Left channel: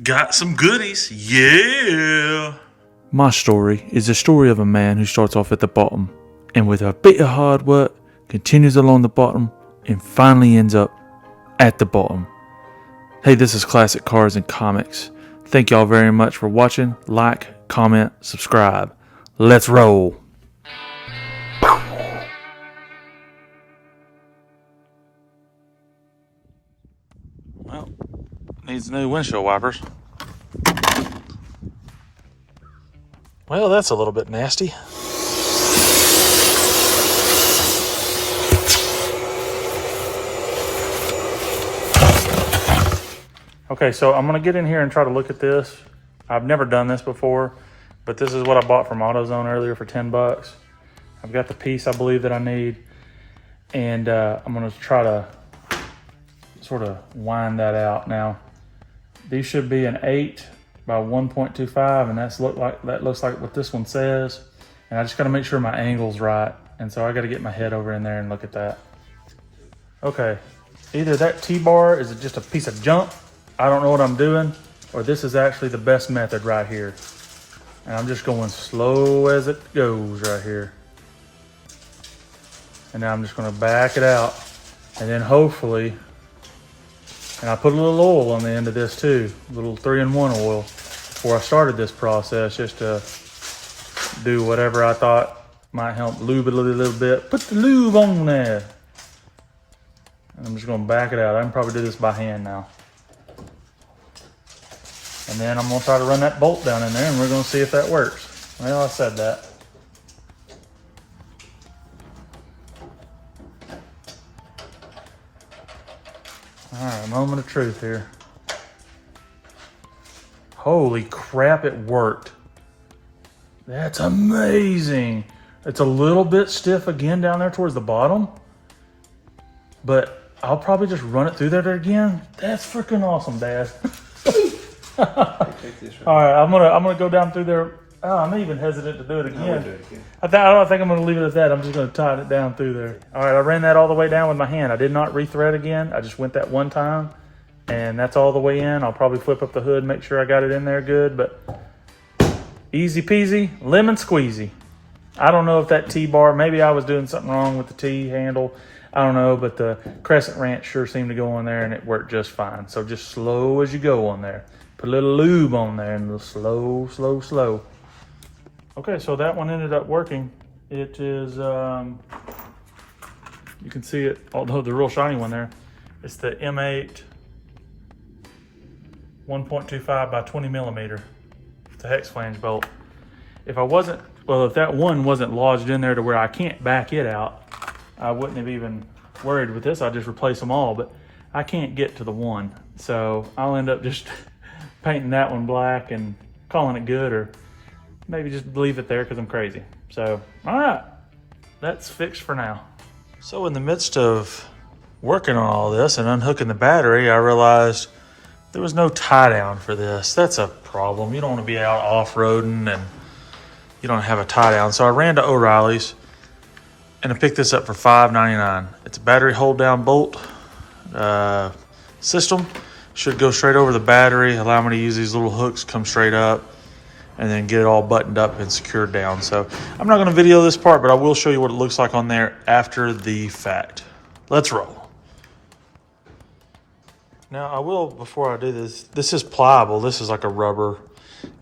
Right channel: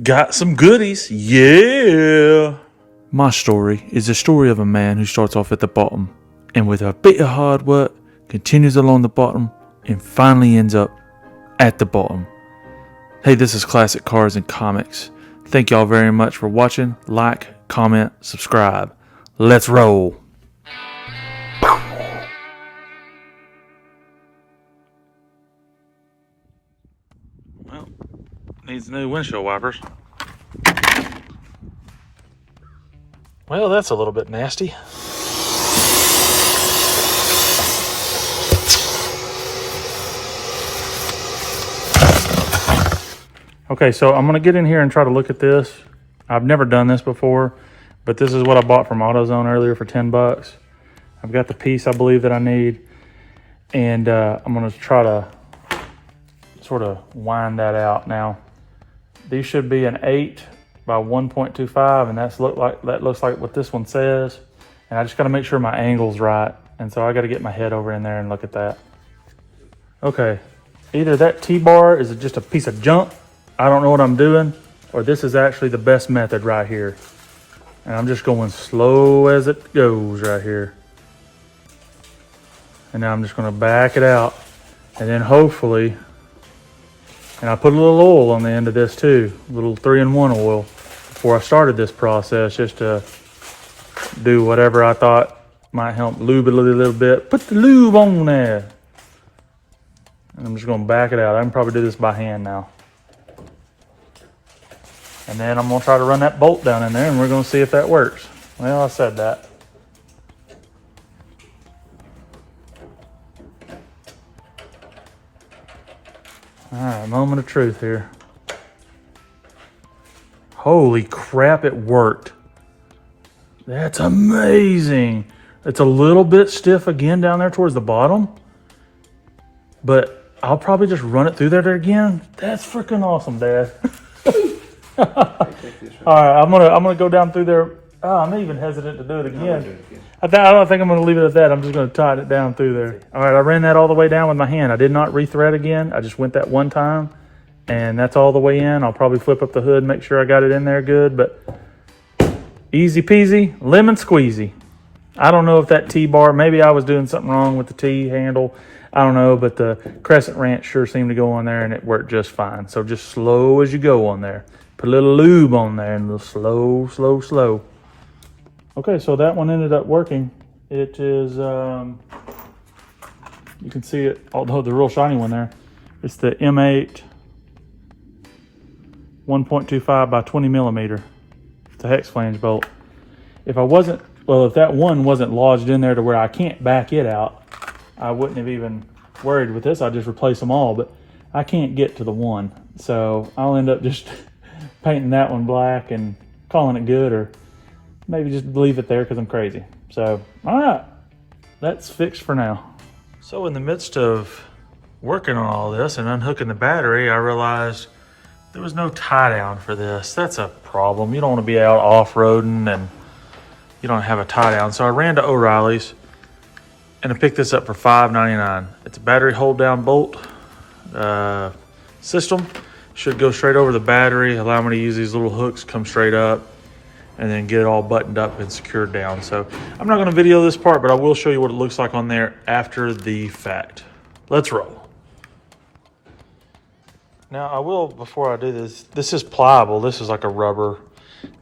Got some goodies, yeah. My story is the story of a man who starts off at the bottom and with a bit of hard work continues along the bottom and finally ends up at the bottom. Hey, this is Classic Cars and Comics. Thank y'all very much for watching. Like, comment, subscribe. Let's roll. Well, needs new windshield wipers. Well, that's a little bit nasty. Okay, so I'm gonna get in here and try to look at this. I've never done this before, but this is what I bought from AutoZone earlier for 10 bucks. I've got the piece I believe that I need, and I'm gonna try to sort of wind that out. Now, these should be an 8 by 1.25, and that looks like what this one says. And I just gotta make sure my angle's right, and so I gotta get my head over in there and look at that. Okay, either that T-bar is just a piece of junk, I don't know what I'm doing, or this is actually the best method right here. And I'm just going slow as it goes right here. And now I'm just gonna back it out. And then hopefully, and I put a little oil on the end of this too, a little 3-in-1 oil before I started this process, just to do whatever I thought might help lube it a little bit. Put the lube on there. And I'm just gonna back it out. I can probably do this by hand now. And then I'm gonna try to run that bolt down in there and we're gonna see if that works. Well, I said that. All right, moment of truth here. Holy crap, it worked. That's amazing. It's a little bit stiff again down there towards the bottom, but I'll probably just run it through there again. That's freaking awesome, Dad. All right, I'm gonna go down through there. Oh, I'm even hesitant to do it again. I don't think I'm gonna leave it at that. I'm just gonna tighten it down through there. All right, I ran that all the way down with my hand. I did not rethread again. I just went that one time, and that's all the way in. I'll probably flip up the hood, make sure I got it in there good, but easy peasy, lemon squeezy. I don't know if that T-bar, maybe I was doing something wrong with the T handle. I don't know, but the crescent wrench sure seemed to go on there and it worked just fine. So just slow as you go on there. Put a little lube on there and slow, slow, slow. Okay, so that one ended up working. It is, you can see it, although the real shiny one there. It's the M8 1.25 by 20 millimeter. It's a hex flange bolt. If that one wasn't lodged in there to where I can't back it out, I wouldn't have even worried with this. I'd just replace them all, but I can't get to the one. So I'll end up just painting that one black and calling it good, or maybe just leave it there because I'm crazy. So, all right, that's fixed for now. So in the midst of working on all this and unhooking the battery, I realized there was no tie down for this. That's a problem. You don't want to be out off-roading and you don't have a tie down. So I ran to O'Reilly's and I picked this up for $5.99. It's a battery hold down bolt system. Should go straight over the battery, allow me to use these little hooks, come straight up, and then get it all buttoned up and secured down. So I'm not gonna video this part, but I will show you what it looks like on there after the fact. Let's roll. Now I will, before I do this is pliable. This is like a rubber,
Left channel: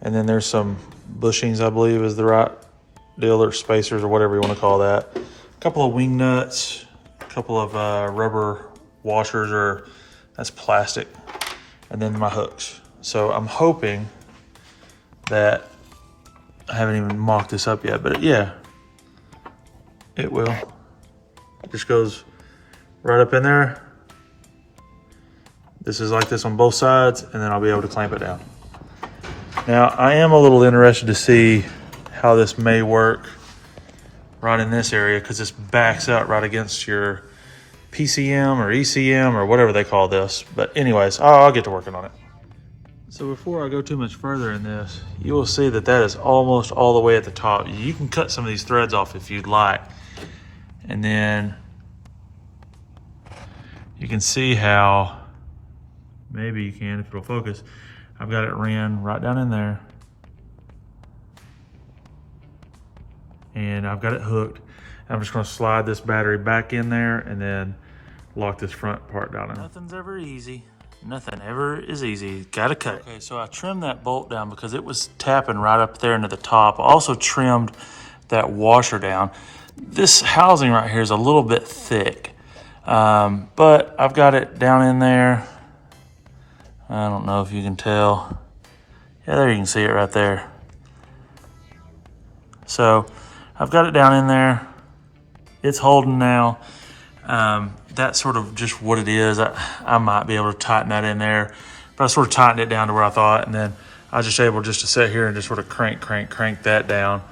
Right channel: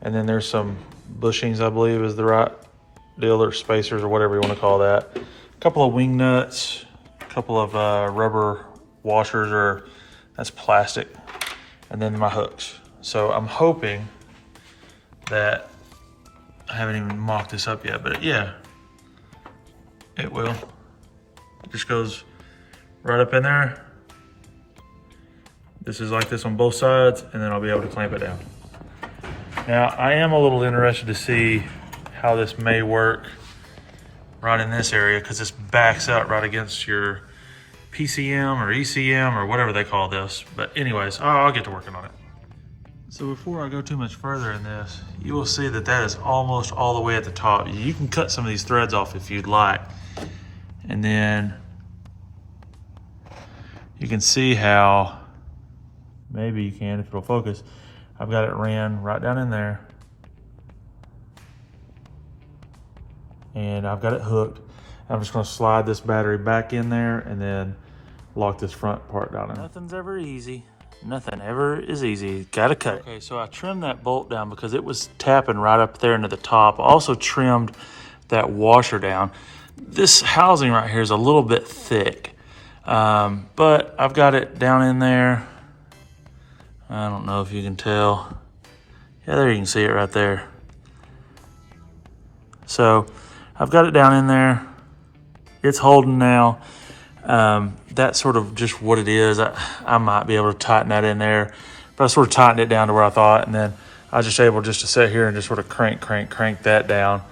and then there's some bushings, I believe is the right deal, or spacers, or whatever you wanna call that. A couple of wing nuts, a couple of rubber washers, or that's plastic, and then my hooks. So I'm hoping that, I haven't even mocked this up yet, but yeah, it will. It just goes right up in there. This is like this on both sides, and then I'll be able to clamp it down. Now, I am a little interested to see how this may work right in this area, because this backs out right against your PCM or ECM or whatever they call this. But anyways, I'll get to working on it. So before I go too much further in this, you will see that that is almost all the way at the top. You can cut some of these threads off if you'd like. And then you can see how, maybe you can if it'll focus, I've got it ran right down in there. And I've got it hooked. I'm just gonna slide this battery back in there and then lock this front part down in. Nothing's ever easy. Nothing ever is easy. Gotta cut it. Okay, so I trimmed that bolt down because it was tapping right up there into the top. I also trimmed that washer down. This housing right here is a little bit thick, but I've got it down in there. I don't know if you can tell. Yeah, there you can see it right there. So I've got it down in there. It's holding now. That's sort of just what it is. I might be able to tighten that in there, but I sort of tightened it down to where I thought, and then I was just able just to sit here and just sort of crank that down.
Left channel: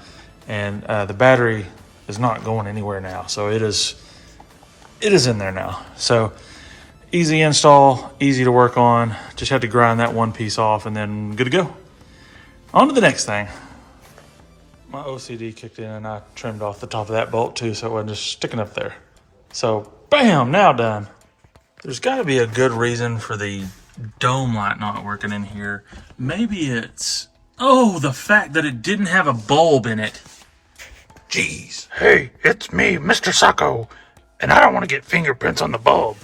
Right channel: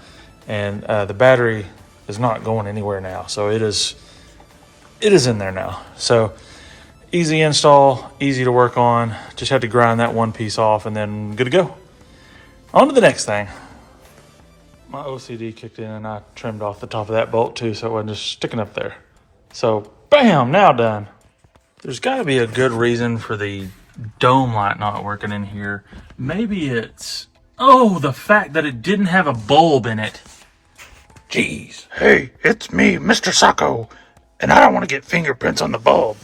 And the battery is not going anywhere now. So it is in there now. So easy install, easy to work on. Just have to grind that one piece off and then good to go. On to the next thing. My OCD kicked in and I trimmed off the top of that bolt too, so it wasn't just sticking up there. So bam, now done. There's gotta be a good reason for the dome light not working in here. Maybe it's, the fact that it didn't have a bulb in it. Jeez. Hey, it's me, Mr. Sacco, and I don't want to get fingerprints on the bulb.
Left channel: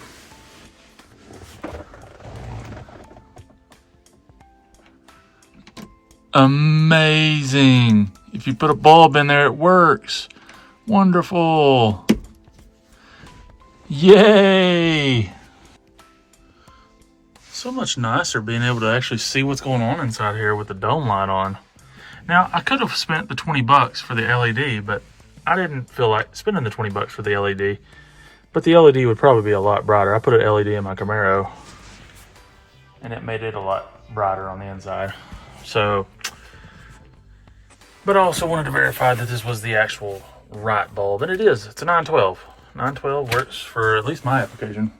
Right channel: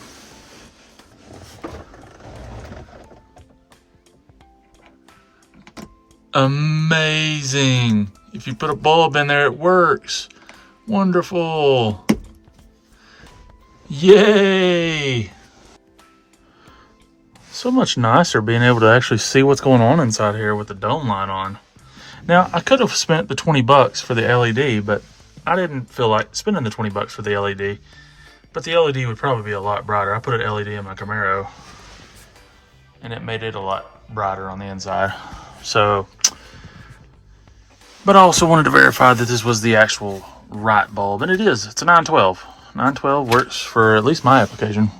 Amazing. If you put a bulb in there, it works. Wonderful. Yay. So much nicer being able to actually see what's going on inside here with the dome light on. Now, I could have spent the 20 bucks for the LED, but I didn't feel like spending the 20 bucks for the LED. But the LED would probably be a lot brighter. I put an LED in my Camaro, and it made it a lot brighter on the inside. So, but I also wanted to verify that this was the actual right bulb, and it is. It's a 912. 912 works for at least my application.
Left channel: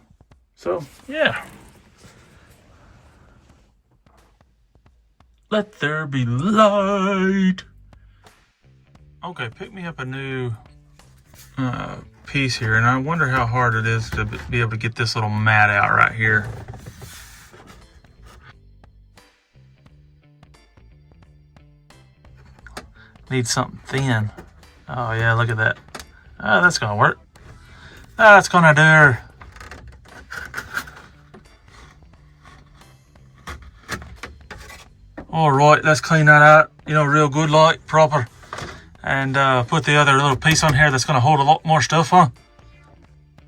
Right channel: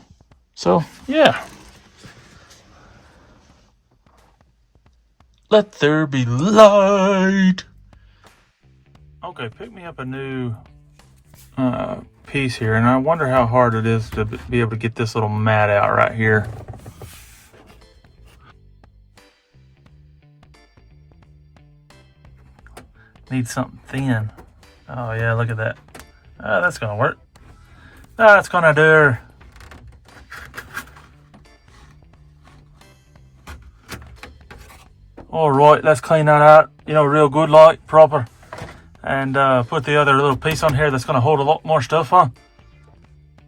So, yeah. Let there be light. Okay, pick me up a new piece here, and I wonder how hard it is to be able to get this little mat out right here. Need something thin. Oh yeah, look at that. That's gonna work. That's gonna do. All right, let's clean that out, real good, like, proper. And put the other little piece on here that's gonna hold a lot more stuff on.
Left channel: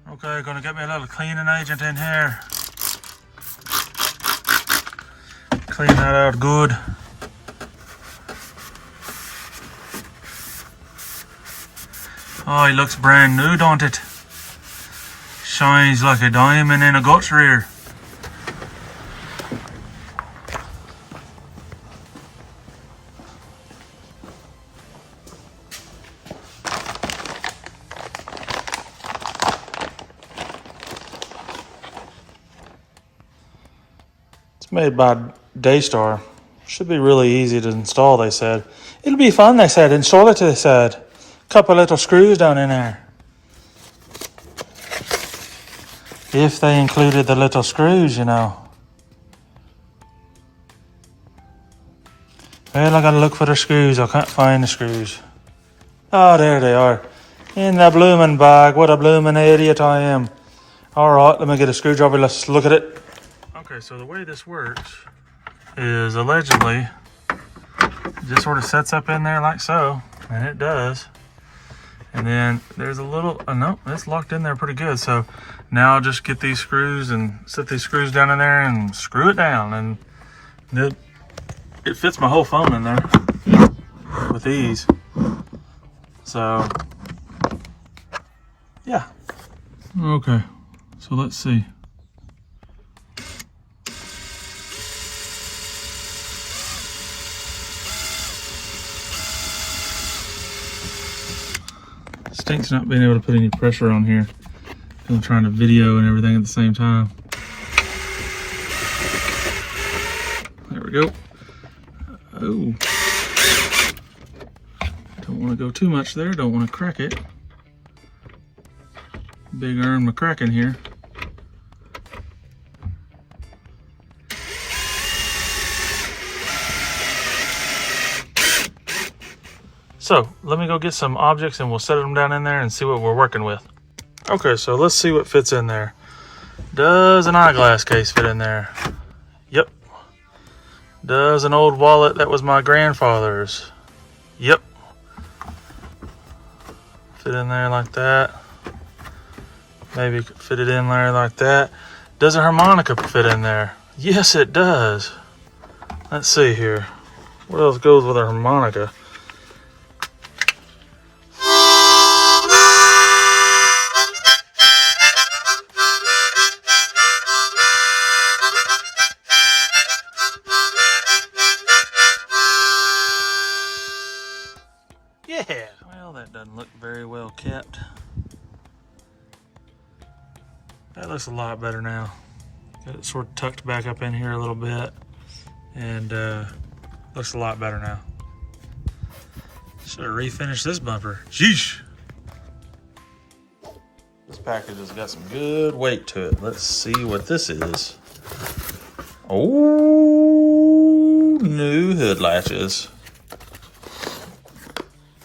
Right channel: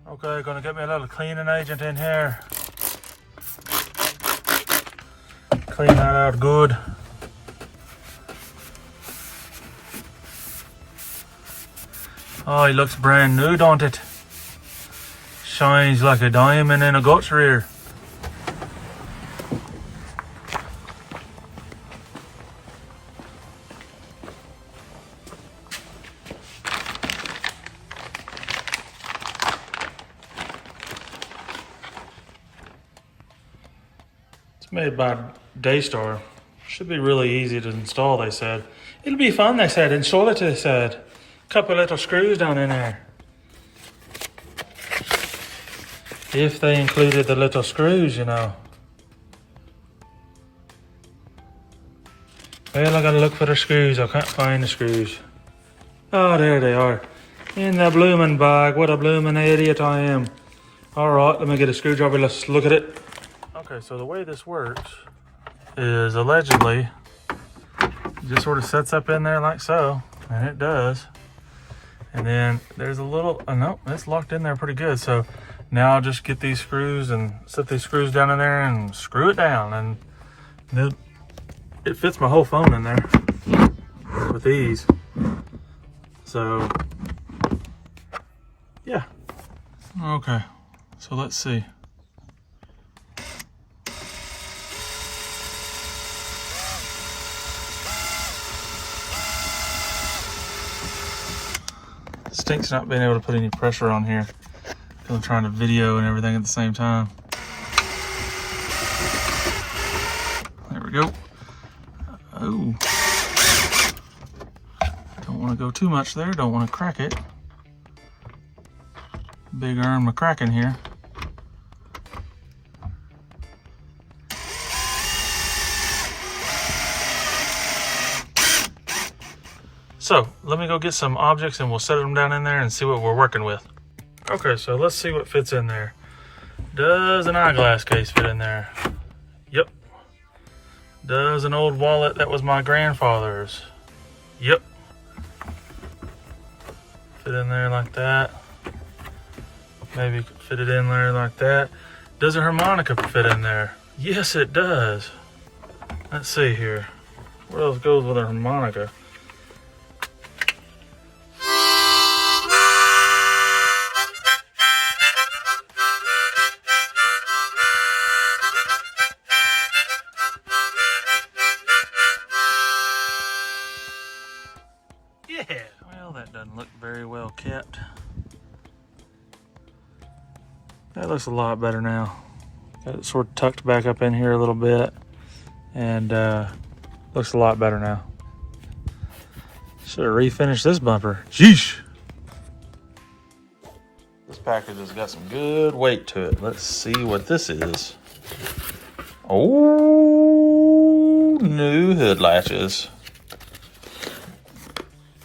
Okay, gonna get me a little cleaning agent in here. Clean that out good. Oh, he looks brand new, don't it? Shines like a diamond in a goat's rear. It's made by Daystar. Should be really easy to install, they said. It'll be fun, they said. Install it, they said. Couple little screws down in there. If they included the little screws, Well, I gotta look for the screws. I can't find the screws. Oh, there they are. In the blooming bag. What a blooming idiot I am. Alright, let me get a screwdriver. Let's look at it. Okay, so the way this works is allegedly it just sort of sets up in there like so. And it does. And then there's a little, no, it's locked in there pretty good. So now I'll just get these screws and set these screws down in there and screw it down. And it fits my whole phone in there with ease. So, yeah. Okay, so let's see. Stinks not being able to put any pressure on here. I'm trying to video and everything at the same time. There we go. Oh. Don't want to go too much there. Don't want to crack it. Big arm of cracking here. So let me go get some objects and we'll set them down in there and see what we're working with. Okay, so let's see what fits in there. Does an eyeglass case fit in there? Yep. Does an old wallet that was my grandfather's? Yep. Fit in there like that. Maybe fit it in there like that. Does a harmonica fit in there? Yes, it does. Let's see here. What else goes with a harmonica? Yeah. Well, that doesn't look very well kept. That looks a lot better now. Got it sort of tucked back up in here a little bit, and looks a lot better now. Should have refinished this bumper. Sheesh. This package has got some good weight to it. Let's see what this is. Oh, new hood latches.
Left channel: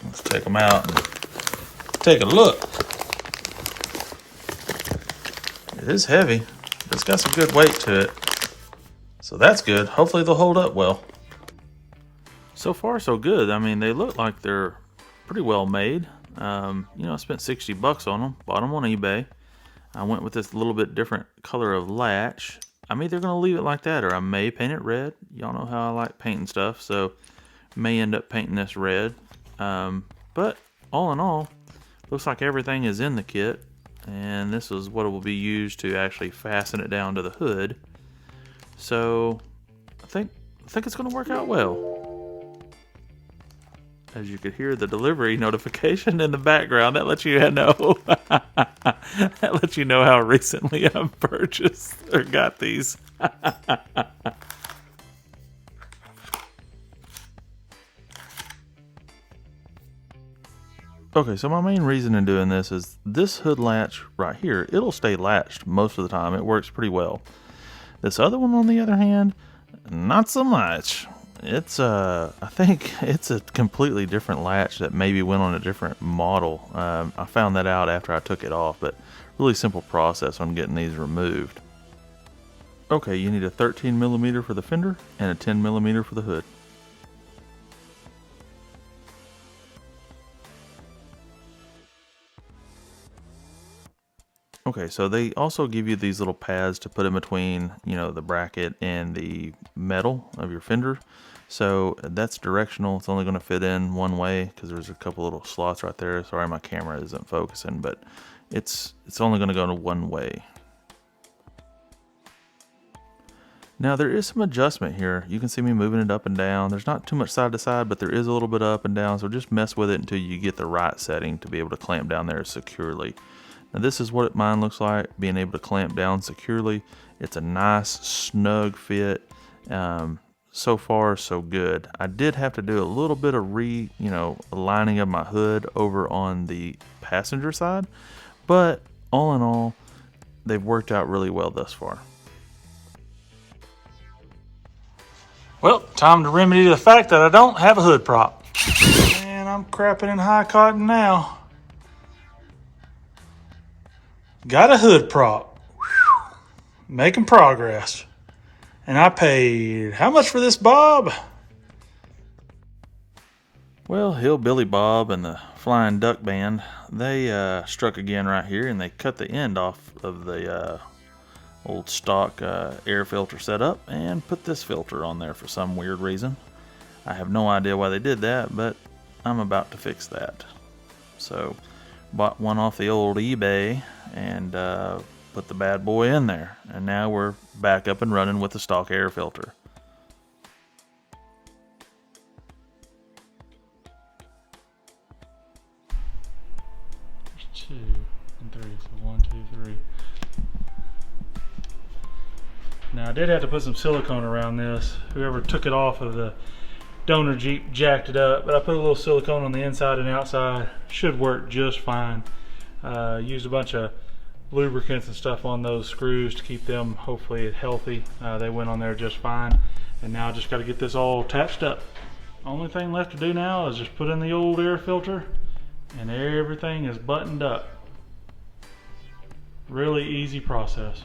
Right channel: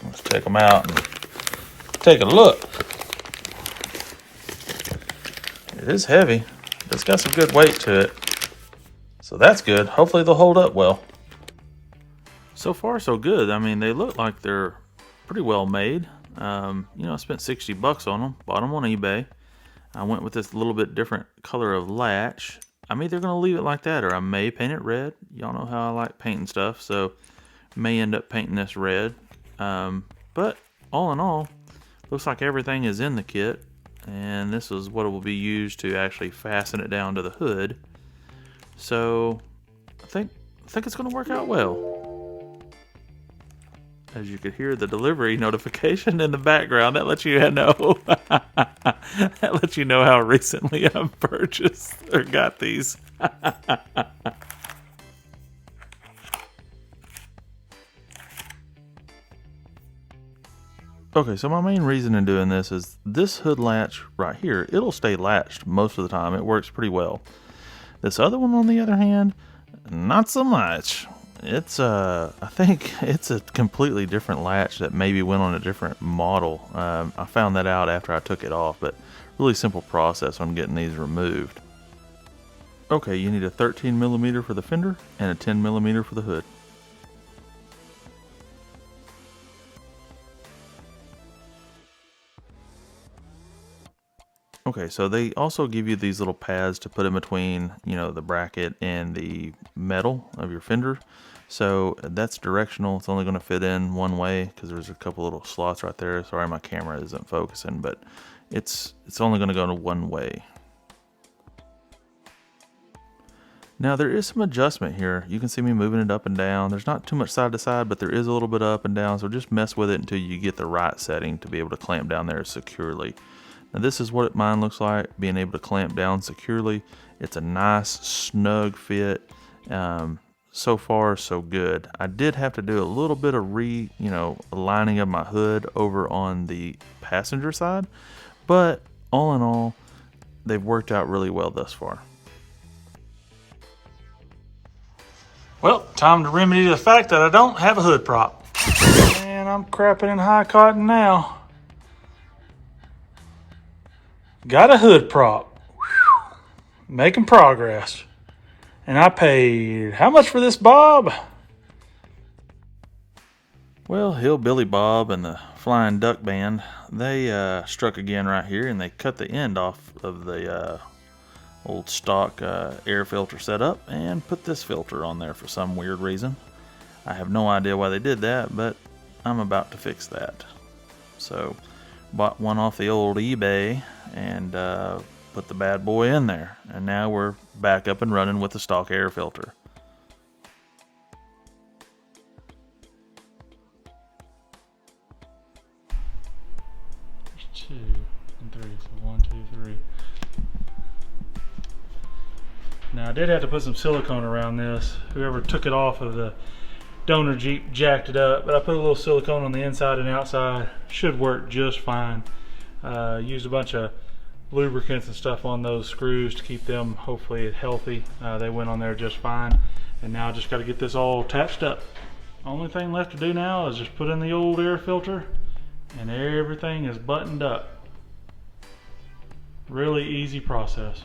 Let's take them out and take a look. It is heavy. It's got some good weight to it. So that's good. Hopefully they'll hold up well. So far so good. I mean, they look like they're pretty well made. You know, I spent $60 on them. Bought them on eBay. I went with this little bit different color of latch. I'm either going to leave it like that or I may paint it red. Y'all know how I like painting stuff. So may end up painting this red. But all in all, looks like everything is in the kit. And this is what it will be used to actually fasten it down to the hood. So I think it's going to work out well. As you could hear the delivery notification in the background, that lets you know that lets you know how recently I've purchased or got these. Okay, so my main reason in doing this is this hood latch right here, it'll stay latched most of the time. It works pretty well. This other one, on the other hand, not so much. It's I think it's a completely different latch that maybe went on a different model. I found that out after I took it off, but really simple process on getting these removed. Okay, you need a 13mm for the fender and a 10mm for the hood. Okay, so they also give you these little pads to put in between, you know, the bracket and the metal of your fender. So that's directional. It's only going to fit in one way because there's a couple little slots right there. Sorry, my camera isn't focusing, but it's only going to go in one way. Now there is some adjustment here. You can see me moving it up and down. There's not too much side to side, but there is a little bit up and down. So just mess with it until you get the right setting to be able to clamp down there securely. Now this is what mine looks like, being able to clamp down securely. It's a nice snug fit. So far so good. I did have to do a little bit of aligning of my hood over on the passenger side, but all in all, they've worked out really well thus far. Well, time to remedy the fact that I don't have a hood prop. Man, I'm crapping in high cotton now. Got a hood prop. Whew. Making progress. And I paid how much for this, Bob? Well, Hillbilly Bob and the Flying Duck Band, they struck again right here, and they cut the end off of the old stock air filter setup and put this filter on there for some weird reason. I have no idea why they did that, but I'm about to fix that. So, bought one off the old eBay and put the bad boy in there, and now we're back up and running with the stock air filter. There's 2 and 3, so 1, 2, 3. Now I did have to put some silicone around this. Whoever took it off of the donor Jeep jacked it up, but I put a little silicone on the inside and outside. Should work just fine. Used a bunch of lubricants and stuff on those screws to keep them hopefully healthy. They went on there just fine, and now I just got to get this all attached up. Only thing left to do now is just put in the old air filter and everything is buttoned up. Really easy process.